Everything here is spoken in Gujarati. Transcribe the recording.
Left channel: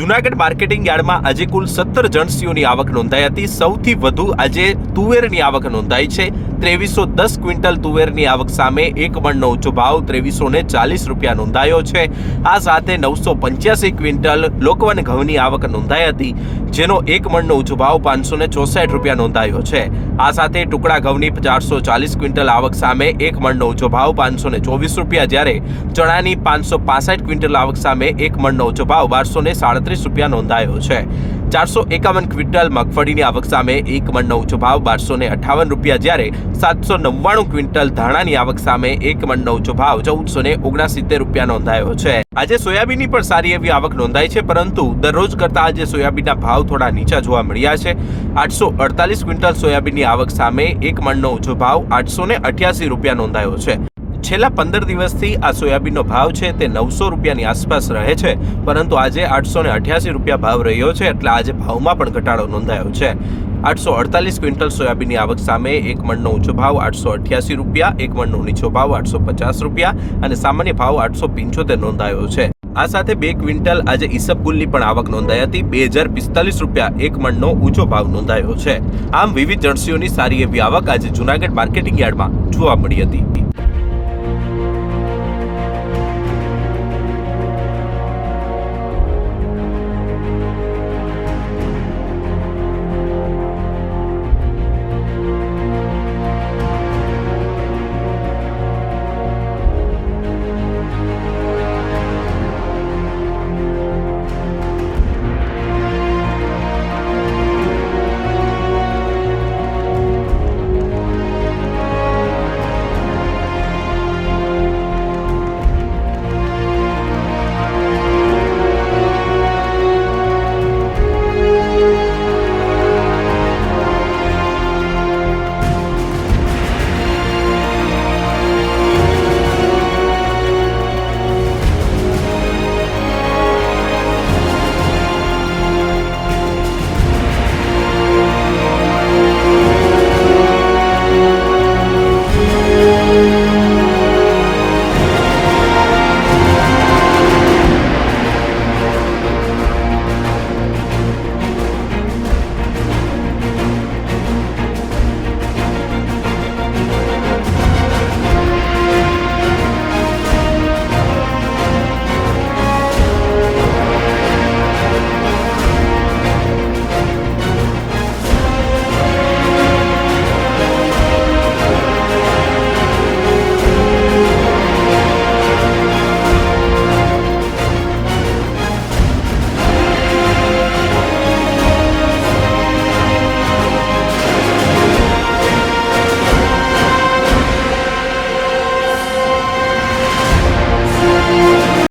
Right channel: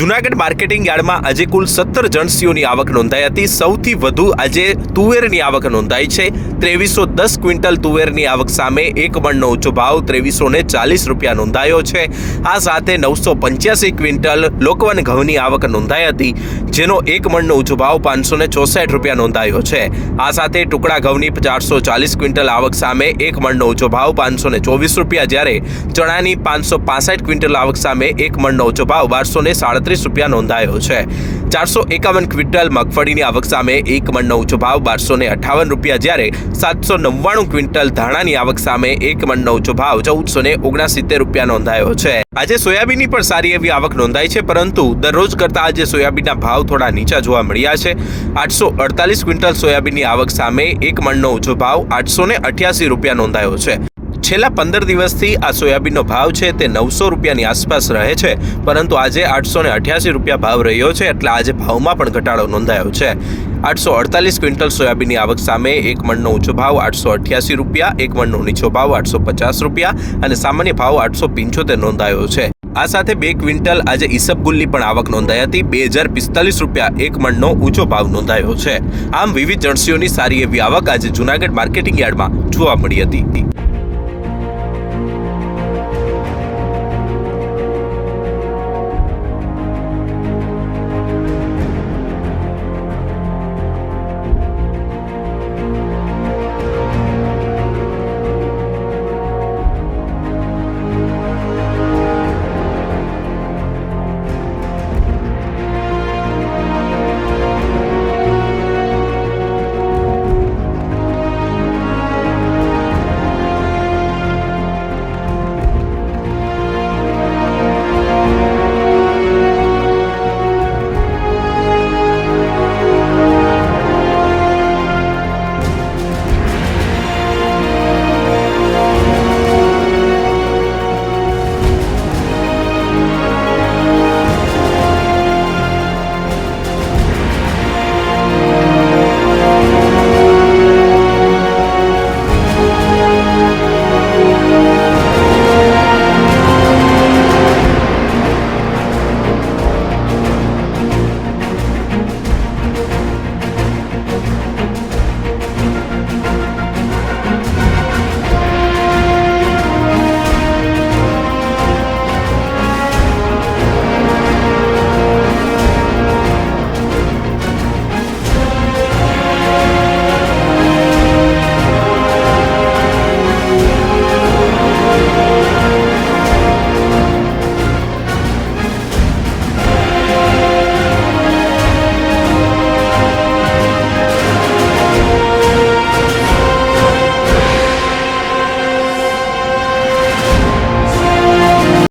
જૂનાગઢ માર્કેટિંગ યાર્ડમાં આજે કુલ 17 જણસીઓની આવક નોંધાઈ હતી। સૌથી વધુ આજે તુવેરની આવક નોંધાઈ છે। 2310 ક્વિન્ટલ તુવેરની આવક સામે એક મણનો ઊંચો ભાવ 2340 રૂપિયા નોંધાયો છે। આ સાથે 985 ક્વિન્ટલ લોકવન ઘઉંની આવક નોંધાઈ હતી, જેનો એક મણનો ઊંચો ભાવ 564 રૂપિયા નોંધાયો છે। આ સાથે ટુકડા ઘઉંની 440 ક્વિન્ટલ આવક સામે એક મણનો ઊંચો ભાવ 524 રૂપિયા, જ્યારે ચણાની 565 ક્વિન્ટલ આવક સામે એક મણનો ઊંચો ભાવ 1237 રૂપિયા નોંધાયો છે। 451 ક્વિન્ટલ મગફળીની આવક સામે એક મણનો ઊંચો ભાવ 1258 રૂપિયા, જ્યારે 799 ક્વિન્ટલ ધાણાની આવક સામે એક મણનો ઊંચો ભાવ 1469 રૂપિયા નોંધાયો છે। આજે સોયાબીનની પણ સારી એવી આવક નોંધાઈ છે, પરંતુ દરરોજ કરતા આજે સોયાબીનના ભાવ થોડા નીચા જોવા મળ્યા છે। 848 ક્વિન્ટલ સોયાબીનની આવક સામે એક મણનો ઊંચો ભાવ 888 રૂપિયા નોંધાયો છે। છેલ્લા 15 દિવસથી આ સોયાબીનનો ભાવ છે તે 900 રૂપિયાની આસપાસ રહે છે, પરંતુ આજે 888 રૂપિયા ભાવ રહ્યો છે, એટલે આજે ભાવમાં પણ ઘટાડો નોંધાયો છે। 848 ક્વિન્ટલ સોયાબીનની આવક સામે એક મણનો ઊંચો ભાવ 888 રૂપિયા, એક મણનો નીચો ભાવ 850 રૂપિયા અને સામાન્ય ભાવ 875 નોંધાયો છે। આ સાથે 2 ક્વિન્ટલ આજે ઈસબગુલની પણ આવક નોંધાઈ હતી। 2045 રૂપિયા એક મણનો ઊંચો ભાવ નોંધાયો છે। આમ વિવિધ જણસીઓની સારી એવી આવક આજે જૂનાગઢ માર્કેટિંગ યાર્ડમાં જોવા મળી હતી।